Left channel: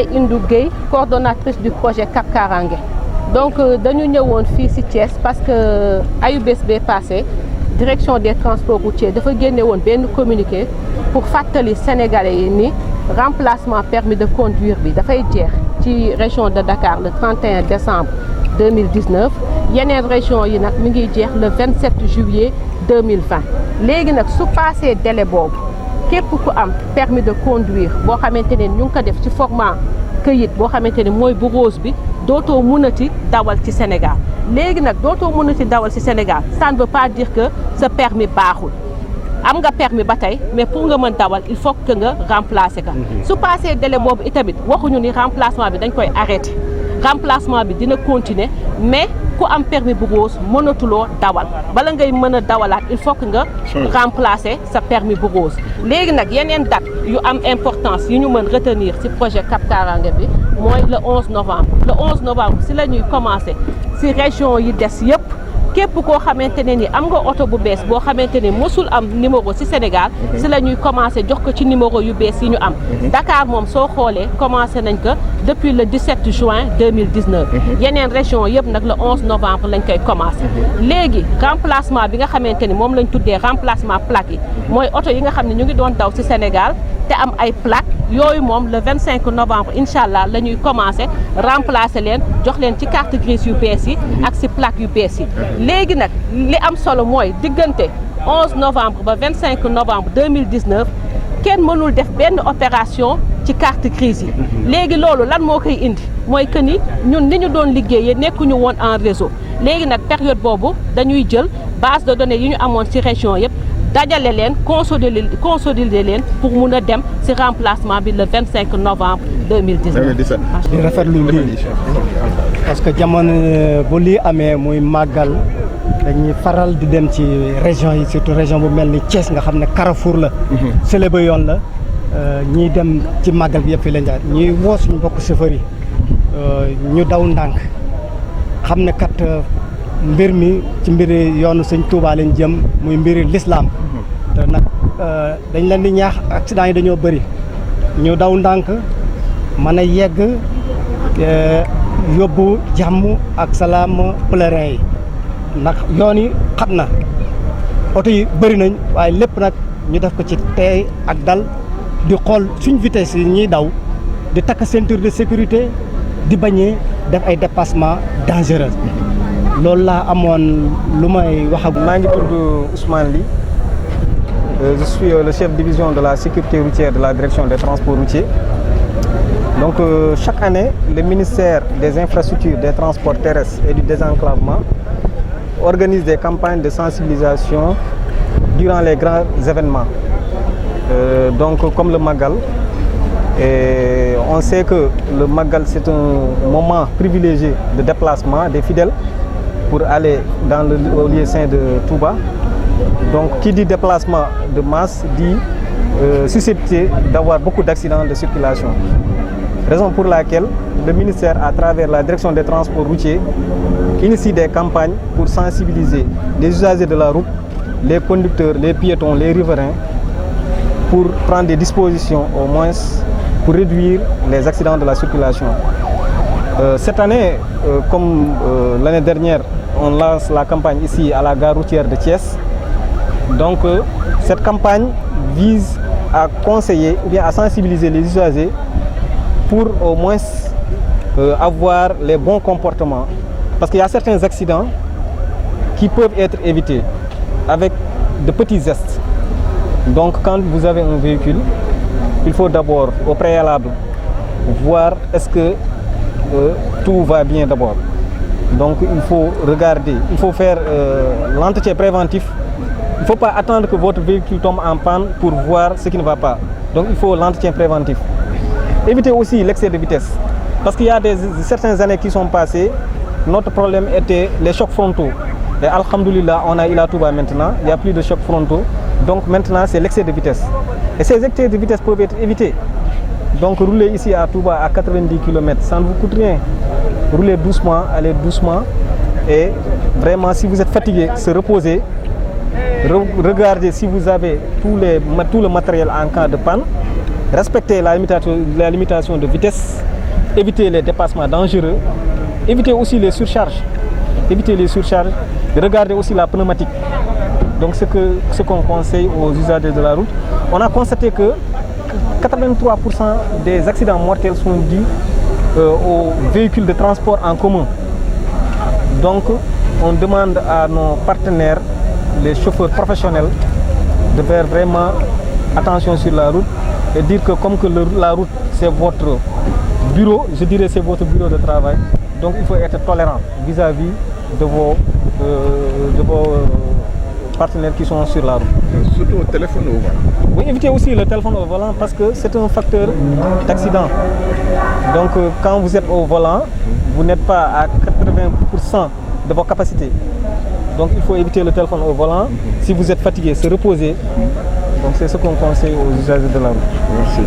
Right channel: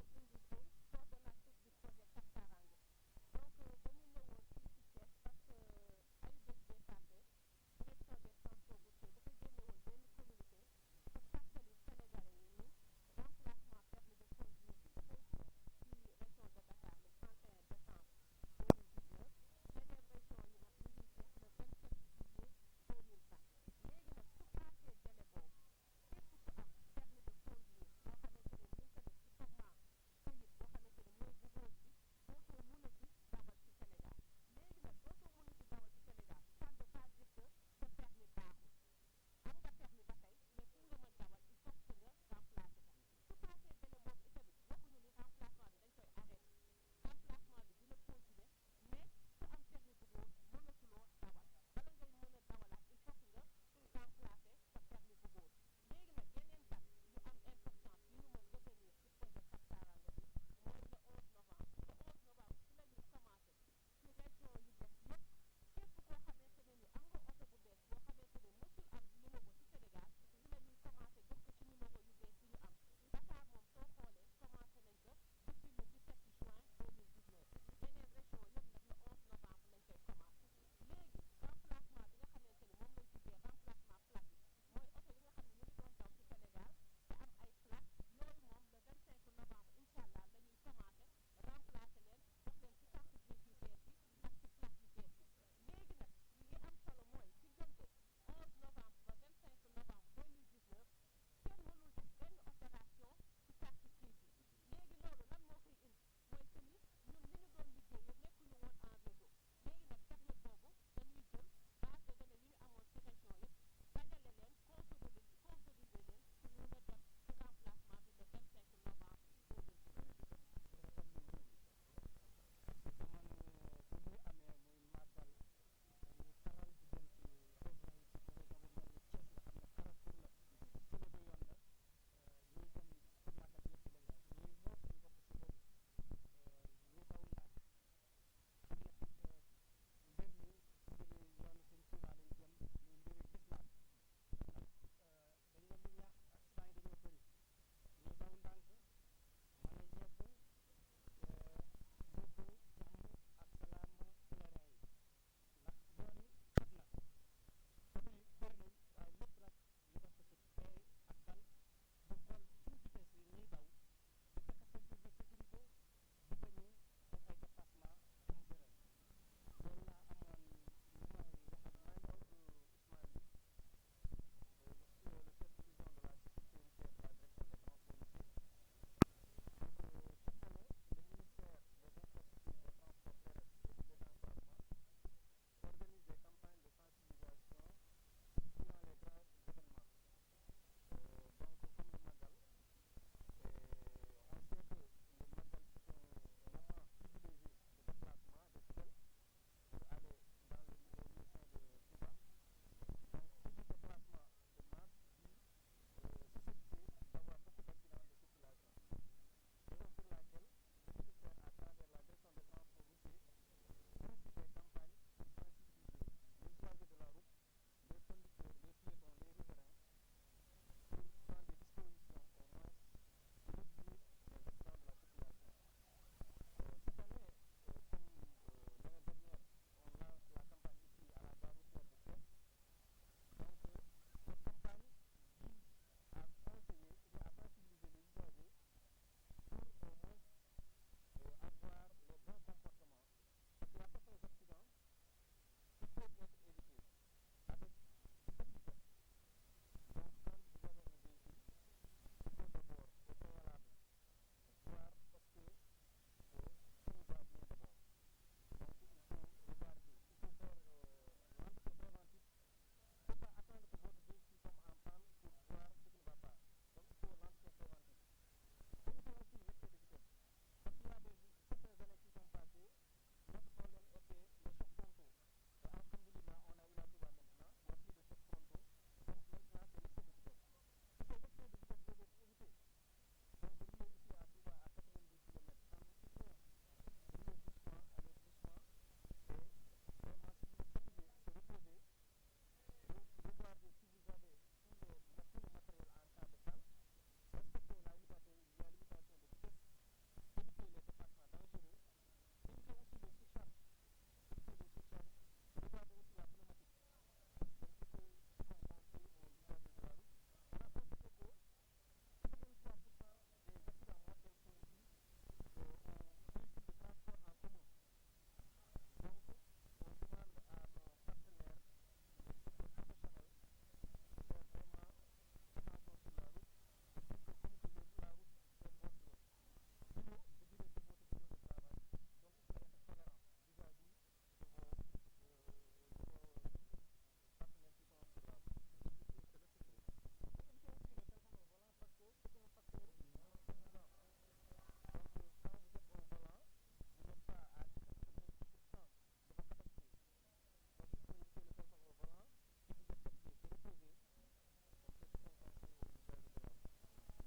Ndeye Indou Gueye, coordonnatrice du projet Cap Karange. Donc dañu ñëwoon fii ci Thiès parce que ayubés bee passé direction des transports routiers dafa génne woon benn communiqué pour fàttali sénégalais yi ni remplacement permis de conduire bi dafay jeex ci région de Dakar le 31 décembre 2019 yeneen région yi nag mi ngi jeex le 27 juillet 2020 léegi nag su passé délai boobu képp ku am permis de conduire boo xamante ne ñu ngi ko def ci format këyit boo xamante ne mooy bu rose bi dootoo mënati dawal ci Sénégal léegi nag dootoo mënati dawal ci Sénégal ça ne veut pas dire que sa permis baaxul am nga permis ba tey mais pour nga mën dawal il faut que nga remplacer ka su passé délai boobu itamit waxuñu ni remplacement bi dañ koy arrêté remplacement bi dina continuer mais ku am permis bu rose mënatuloo dawal bala ngay mën a dawalaat il faut que nga remplacer sa permis bu rose léegi nag yeneen date yu am importance yu ñu mën retenir ci projet Cap Karange bi mooy le 11 novembre le 11 novembre si la ñuy commencer ci région yi des yëpp képp koo xamante ne ni am nga oto bu bees boo xamante ne mosul am numéro ci Sénégal si la ñuy commencer jox ko ci numéro yu bees yi ñu am Dakar moom soo xoolee commencé nañ ko depuis le 17 juin 2019 yeneen région yëpp nag le 11 novembre lañ koy commencé léegi remplacement bi nga xamante ni moom lañ tuddee remplacement plaque yi mooy oto yi nga xam ne ñu ngi doon daw ci Sénégal te am ay plaque yooyu moom le 25 novembre incha allah la ñuy commencé remplacer leen jox leen ci carte grise yu bees yi ak ci plaque yu bees yi léegi nag li am solo mooy diggante 11 novembre ba 25 novembre 2019 kenn mënul def benn opération ci carte grise yi léegi loolu lan moo koy indi mooy que ni ñun ni ñu doon liggéeyee nekkuñu woon en réseau léegi nag période boobu dañuy jël base de données yi ñu amoon ci région yëpp dajale leen consolider leen pour mun a dem ci remplacement bi le 25 novembre 2017. di rafetlu lii parce que jamono bu lii amee muy màggal dañuy faral di dem ci région yi surtout région bu mel ni Thiès nga xam ne Carrefour la. Sélébé yoon la ñiy dem ci màggal bi yëpp fi lañ jaar ñuy woo suñu mbokk chauffeur yi ñu daw ndànk xam ne kat. mbir mi ci mbiri yoonu sëñ Touba lañ jëm muy mbiri l'islam te nag dañ leen di ñaax accident yi dañoo bëri ñu daw ndànk mën a yegg yóbbu jàmm ak salaam pèlerin yi ndax yoon yi xam na oto yi bëri nañ waaye lépp nag ñu def ko ci teey ak dal di xool suñ vitesse yi ñuy daw di takk ceinture de sécurité di bañee def ay dépassement dangereux loolu laa amoon lu may wax ak. maa ngi tudd Ousmane Ly je suis le chef de division de la sécurité routière de la direction des transports routiers donc chaque année le ministère des infrastructures des transports terrestres et du désenclavement organise des campagnes de sensibilisation durant les grands événements donc comme le Magal et on sait que le Magal c'est un moment privilégié de déplacement des fidèles pour aller dans au lieu saint de Touba. Donc qui dit déplacement de masse dit susceptible d'avoir beaucoup d'accidents de circulation. Raison pour laquelle le ministère, à travers la direction des transports routiers, initie des campagnes pour sensibiliser les usagers de la route, les conducteurs, les piétons, les riverains, pour prendre des dispositions au moins pour réduire les accidents de la circulation. Cette année, comme l'année dernière, on lance la campagne ici à la gare routière de Thiès. Donc cette campagne vise à conseiller ou bien à sensibiliser les usagers pour au moins avoir les bons comportements. Parce qu'il y a certains accidents qui peuvent être évités avec de petits gestes. Donc quand vous avez un véhicule, il faut d'abord au préalable voir est-ce que tout va bien d'abord. Donc il faut regarder, il faut faire l'entretien préventif. Il ne faut pas attendre que votre véhicule tombe en panne pour voir ce qui ne va pas. Donc il faut l'entretien préventif. Éviter aussi l'excès de vitesse. Parce qu'il y a certaines années qui sont passées, notre problème était les chocs frontaux. Et alhamdoulilah, on a eu la Touba maintenant, il n'y a plus de chocs frontaux. Donc maintenant c'est l'excès de vitesse. Et ces excès de vitesse peuvent être évités. Donc rouler ici à Touba à 90 km, ça ne vous coûte rien. Roulez doucement, allez doucement. Et vraiment, si vous êtes fatigué, se reposer. Regardez si vous avez tout le matériel en cas de panne. Respectez la limitation de vitesse éviter les dépassements dangereux, éviter aussi les surcharges. Regarder aussi la pneumatique. Donc ce qu'on conseille aux usagers de la route. On a constaté que 83% des accidents mortels sont dus aux véhicules de transport en commun. Donc on demande à nos partenaires, les chauffeurs professionnels, de faire vraiment attention sur la route et dire que comme que la route c'est votre bureau, je dirais c'est votre bureau de travail, donc il faut être tolérant vis-à-vis de vos partenaires qui sont sur la route. Surtout au téléphone au volant. Oui, évitez aussi le téléphone au volant parce que c'est un facteur d'accident. Donc quand vous êtes au volant, vous n'êtes pas à 80% de vos capacités. Donc il faut éviter le téléphone au volant. Si vous êtes fatigué, se reposer. Donc c'est ce qu'on conseille aux usagers de la route. Merci.